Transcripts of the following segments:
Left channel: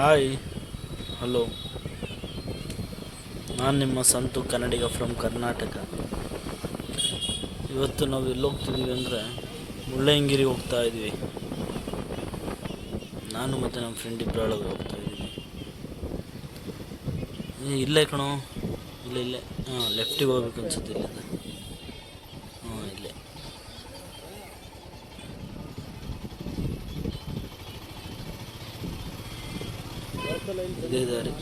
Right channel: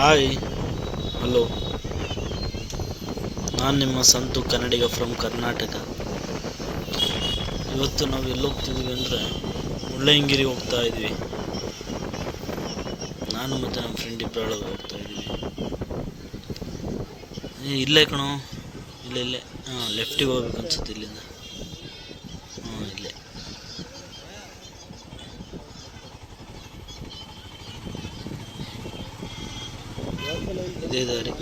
Hi, hello. ನಾನು ನಿಮ್ಮ ಸಂತು ಕನ್ನಡಿಗ from Karnataka. ಇವತ್ತು ನಾವು ಎಲ್ಲಿ ಹೋಗ್ತಿದ್ದೀವಿ ಅಂದರೆ ಮುಳ್ಳಯ್ಯನಗಿರಿ ಹೋಗ್ತಾ ಇದ್ವಿ. ನಾನು ಮತ್ತು ನಮ್ಮ ಫ್ರೆಂಡ್ ಇಬ್ಬರು ಹೋಗ್ತಾ ಇದ್ದೀವಿ. ಇಲ್ಲೇ ಕಣೋ, ಇಲ್ಲೇ ಹಾಂ, ಲೆಫ್ಟಿಗೆ ಹೋಗ್ಬೇಕು ಅನ್ಸುತ್ತೆ ಇಲ್ಲಿಂದ. ಹಾಂ, ಇಲ್ಲೇ. ಇದೇ ದಾರಿ.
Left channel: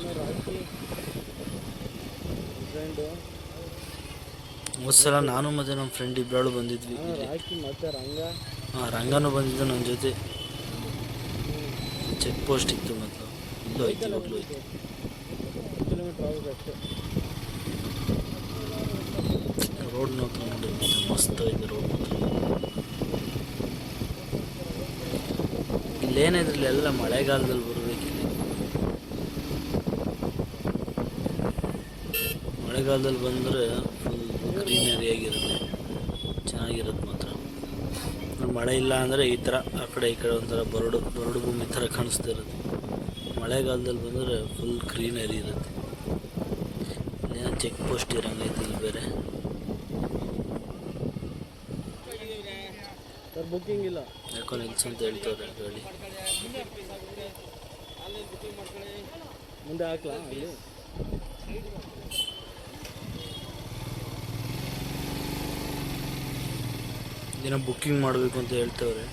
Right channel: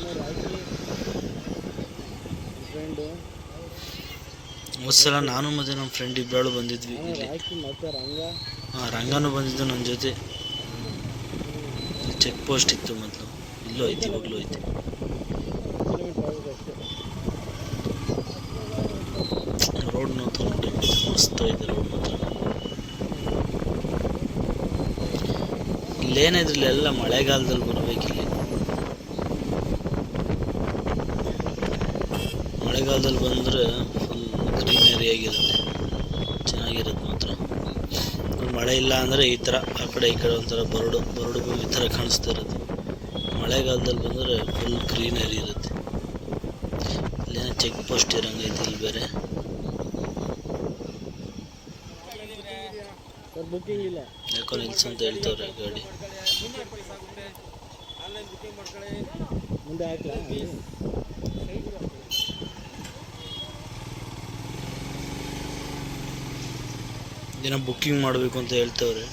ಒಂದ್ಸಲ ನಾನು ಮತ್ತು ನಮ್ಮ ಫ್ರೆಂಡ್ ಇಬ್ಬರು ಬಂದಿದ್ವಿ ಇಲ್ಲಿ. ಹಾಂ, ರಂಗನೂ ಬಂದಿದ್ದು ನನ್ನ ಜೊತೆ. ಚೆಕ್ ಪೋಸ್ಟ್ ಇತ್ತು ಮೊದಲು, ಇಲ್ಲೂ ಐತಿ, ಇವಾಗಲೂ ಐತಿ. ರೋಡ್ ಮಾತ್ರ ನೋಡಿ, ಮಸ್ತ್ ಇದೆ ರೋಡ್ ಮಾತ್ರ. ಇಲ್ಲೇನಿದ್ರಲ್ಲಿ ಎಲ್ಲ ಮಳೆಗಾಲದಲ್ಲಿ ಬರಬೇಕಿಲ್ಲ. ಮಳೆಗಾಲದಲ್ಲಿ ಬಂದರೆ ಫುಲ್ ಗ್ರೀನರಿ ಆಗಿರುತ್ತೆ, ಚೆನ್ನಾಗಿರುತ್ತೆ ಮಾತ್ರ. ಮಳೆ ಇಲ್ಲ ಅಂದರೆ ಈ ಥರ ಆ ಕಡೆ ಈ ಕಡೆ ಒಂಥರ ಬರಡು ಭೂಮಿ ಥರ ಕಾಣಿಸ್ತಾ ಇರುತ್ತೆ. ಮಳೆಗಾಲದಲ್ಲಿ ಬಂದರೆ ಫುಲ್ ಗ್ರೀನರಿ ಇರುತ್ತೆ. ಇಲ್ಲೇನೋ ಚೆಕ್ ಪೋಸ್ಟ್ ಇರಂಗೈತಿ ಇಲ್ಲಿ ಬೇರೆ. ಯಾಕೋ ನಿಲ್ಸ್ ಅಂತ ಹೇಳ್ತವ್ರೆ ಗಾಡಿ. ದಿನ ಬುಕ್ಕಿಂಗ್ ಮಾಡಬೇಕು ಅಂತ ಹೇಳ್ತವ್ರೆ.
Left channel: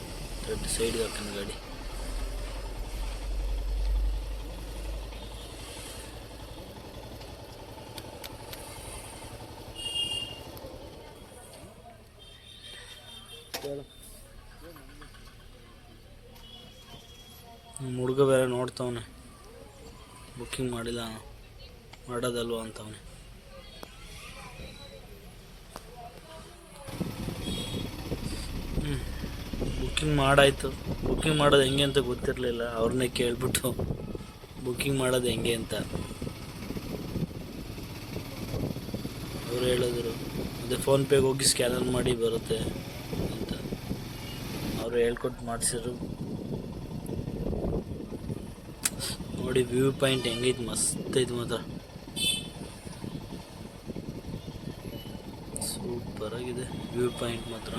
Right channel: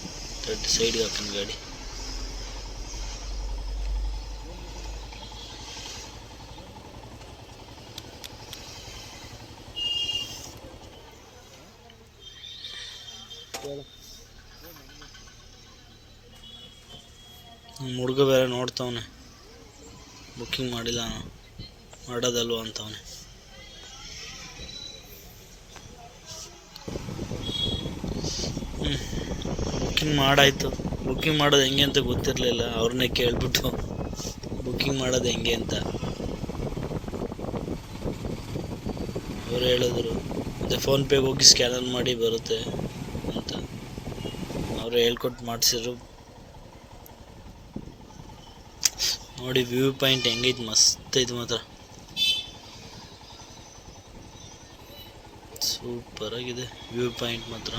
ಸೈಡ್ಗೆ ಹಾಕೋಣ ಗಾಡಿ. ಹುಡುಗ ಬೇರೆ ನೋಡ್ತವನೆ, ಬುಕ್ಕಿಂಗ್ ಮಾಡಿಲ್ಲ, ಮಾಡೋದಲ್ವ ಅಂತವನೆ. ಬುಕ್ಕಿಂಗ್ ಮಾಡಾಯಿತು. ಬುಕ್ಕಿಂಗ್ ಮಾಡೋದು ಹೆಂಗೆ ಅಂತ ಗೊತ್ತಿರಲಿಲ್ಲ. ಅವ್ರನ್ನೇ ಕೇಳಿಬಿಟ್ಟು ಬುಕ್ಕಿಂಗ್ ಮಾಡೋದು ಹೆಂಗೆ ಅಂತ ಅವ್ರು ಹೇಳಿದ್ರು. ಮತ್ತು ಫೋನ್ಪೇಗೆ ಹೋಗಿ ಸ್ಕ್ಯಾನರ್ ಮಾಡಿ ಬರುತ್ತೆ ಅಂತ ಅವರು ಹೇಳ್ಕೊಟ್ಟು ಮಾಡಿಸಿದ್ರು. ನೋಡಿ ವ್ಯೂ ಪಾಯಿಂಟ್ ಹೆಂಗೈತೆ, ಮಸ್ತ್ ಐತೆ ಮಾತ್ರ, ಸೂಪರ್ ಆಗಿದೆ ವ್ಯೂ ಪಾಯಿಂಟ್ ಮಾತ್ರ.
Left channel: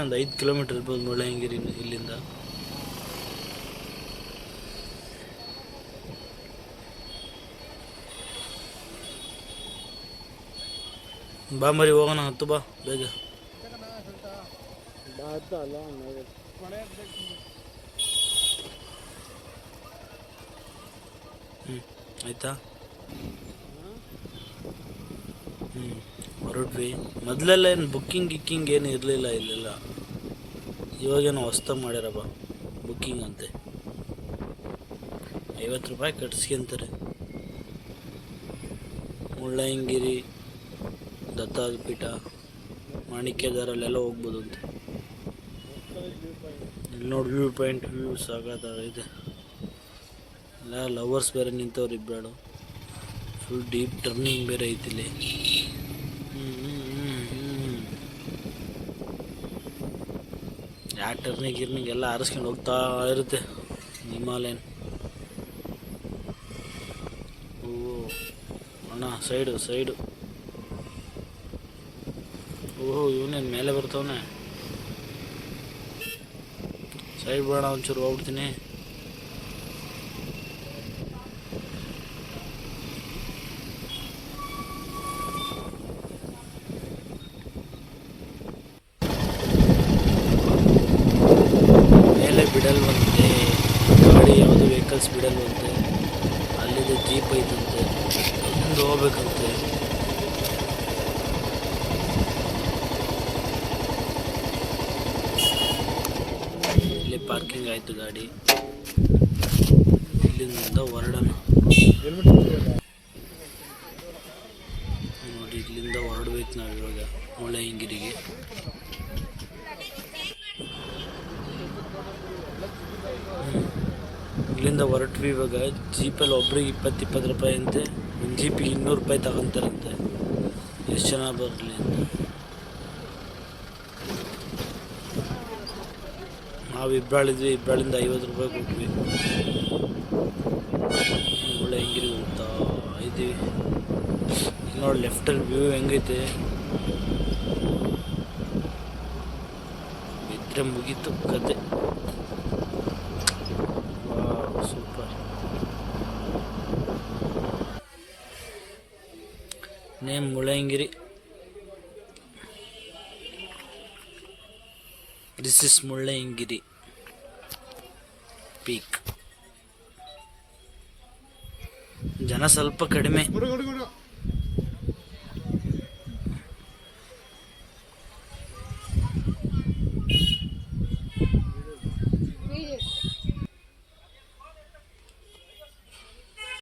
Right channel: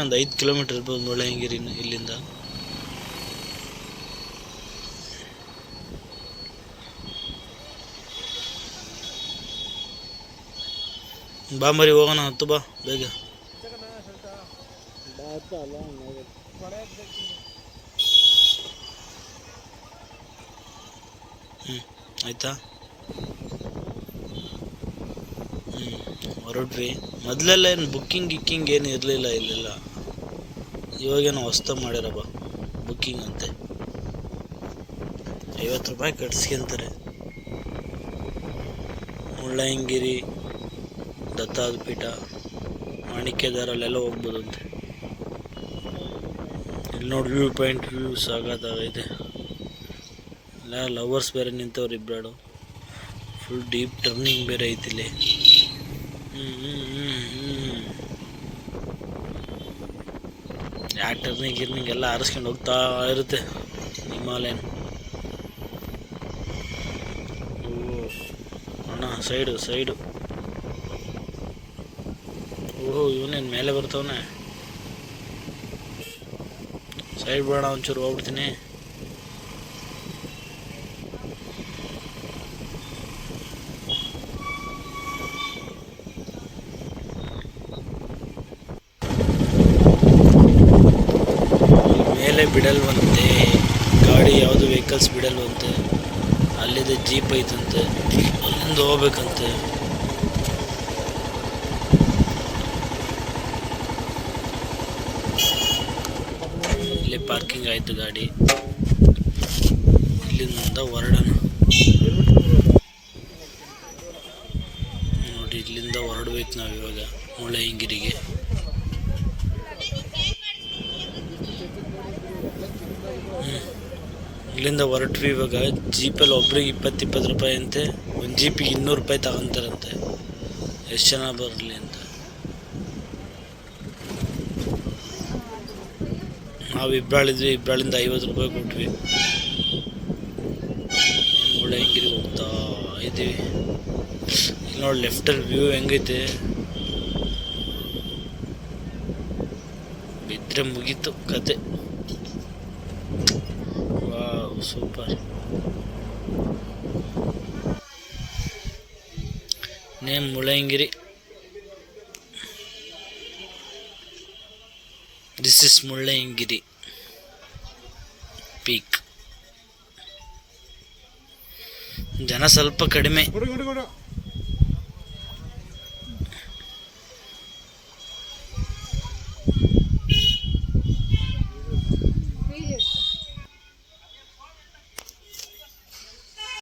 ಒಂದು 5 ಕಿಲೋಮೀಟರ್ ಇರ್ಬೋದು ಮುಳ್ಳಯ್ಯನಗಿರಿ ಇಲ್ಲಿಂದ. ಬಾ ಮರಿ ಹೋಗೋಣ, ಹತ್ತು ಬಾ ಬೇಗ. ಆಯ್ತಾ. ಹೊರಟ್ವಿ. ಮೊದಲೆಲ್ಲ ಏನು ಗಿಕ್ಕಿಂಗ್ ಏನು ಇರಲಿಲ್ಲ ಇಲ್ಲೆಲ್ಲ. ಇವಾಗೇನೋ ಹೊಸ್ದಾಗಿ ಮಾಡ್ಯಾರಪ್ಪ ಬುಕ್ಕಿಂಗ್ ಅಂತೆ. 50 ರೂಪಾಯಿ ಕಟ್ಸ್ಕೊಂತಾರೆ. ಮುಳ್ಳಯ್ಯನಗಿರಿ, ದತ್ತಾದ ಪೀಠ, ಮಾಣಿಕ್ಯದಾರಲ್ಲೆಲ್ಲ ಹೋಗ್ಬೋದು ಅಂತೆ. ಇಲ್ಲಿ ನೋಡಿ ವ್ಯೂ ಪಾಯಿಂಟ್, ವ್ಯೂ ಸಾಕಾಗೈತೆ. ಎಲ್ಲ ಲವರ್ಸ್ ಬೇರೆ ನಿಂತವ್ರು ಇಬ್ಬರು. ಫುಲ್ ಡೀಪ್ ಟರ್ನಿಂಗ್ ಬೇರೆ ಐತಿಲ್ಲಿ. ಟರ್ನಿಂಗ್ ಎಲ್ಲ ಆರಿಸ್ಕೊಂಡು ಹೋಗ್ತಾ ಇರುತ್ತೆ ಹಿಮಾಲಯನ್. ಓ ಅಣ್ಣ, ಸೈಡು. ಓಹೋ, ಇವನೇನು ಮೇಲೆ ಬರ್ತವನೆ. ಸೈಡ್ ಬೇಡ, ಒಂಚೂರು ಹೋಗ್ಬಿಡ್ತೀನಿ. ಮೇಲೆ ಬಿಡಲ್ವಂತೆ ಗಾಡಿ, ಯಾವುದು ವೆಹಿಕಲ್ಸ್ ಬಿಡಲ್ವಂತೆ. ಅಲ್ಲಿದೆ ಜೀಪ್ ಐತಂತೆ, ಅಲ್ಲಿಂದ ಹೋಗ್ಬೇಕಂತೆ. ಇಲ್ಲಿ ಪಾರ್ಕಿಂಗ್ ಆಯಿತು ಗಾಡಿ. ಇಲ್ಲಿಂದ ಹೊರಡೋಣ ನೋಡಿ. ಇಲ್ಲಿಂದ ಹೊರಡ್ಬೇಕು ನಾವು ಇವಾಗ ಮುಳ್ಳಯ್ಯನಗಿರಿಗೆ. ಇಲ್ಲಿಂದ ಹೊರಟ್ವಿ. ಇವಾಗ ಜೀಪಲ್ಲಿ ಒಬ್ರಿಗೆ 20-20 ರೂಪಾಯಿ ಅಂತೆ. ಒಂದು ಜೀಪಿಗೆ 200 ರೂಪಾಯಿ ತಗೊಂತಾರಂತೆ. ಎಷ್ಟು ಜನ ಬರಲಿ ಅಂತ. ನಾವು ಇಬ್ಬರಾಳಿದ್ವಿ, ಇಬ್ಬರಾಳಿಂದ 50 ರೂಪಾಯಿ ಕೊಟ್ವಿ. ಮುಳ್ಳಯ್ಯನಗಿರಿ ಹೋಗ್ತಾ ಇದ್ದೀವಿ. ಇಲ್ಲಿ ನೋಡಿ ಲೆಫ್ಟಲ್ಲಿ ವ್ಯೂ ಹೆಂಗೈತೆ, ಬಿದ್ದರೆ ಮುಗೀತು ಕತೆ. Wow super. Name Mullayanagiri. This is Mullayanagiri peak. ಜನ ಸ್ವಲ್ಪ ಕಡಿಮೆ.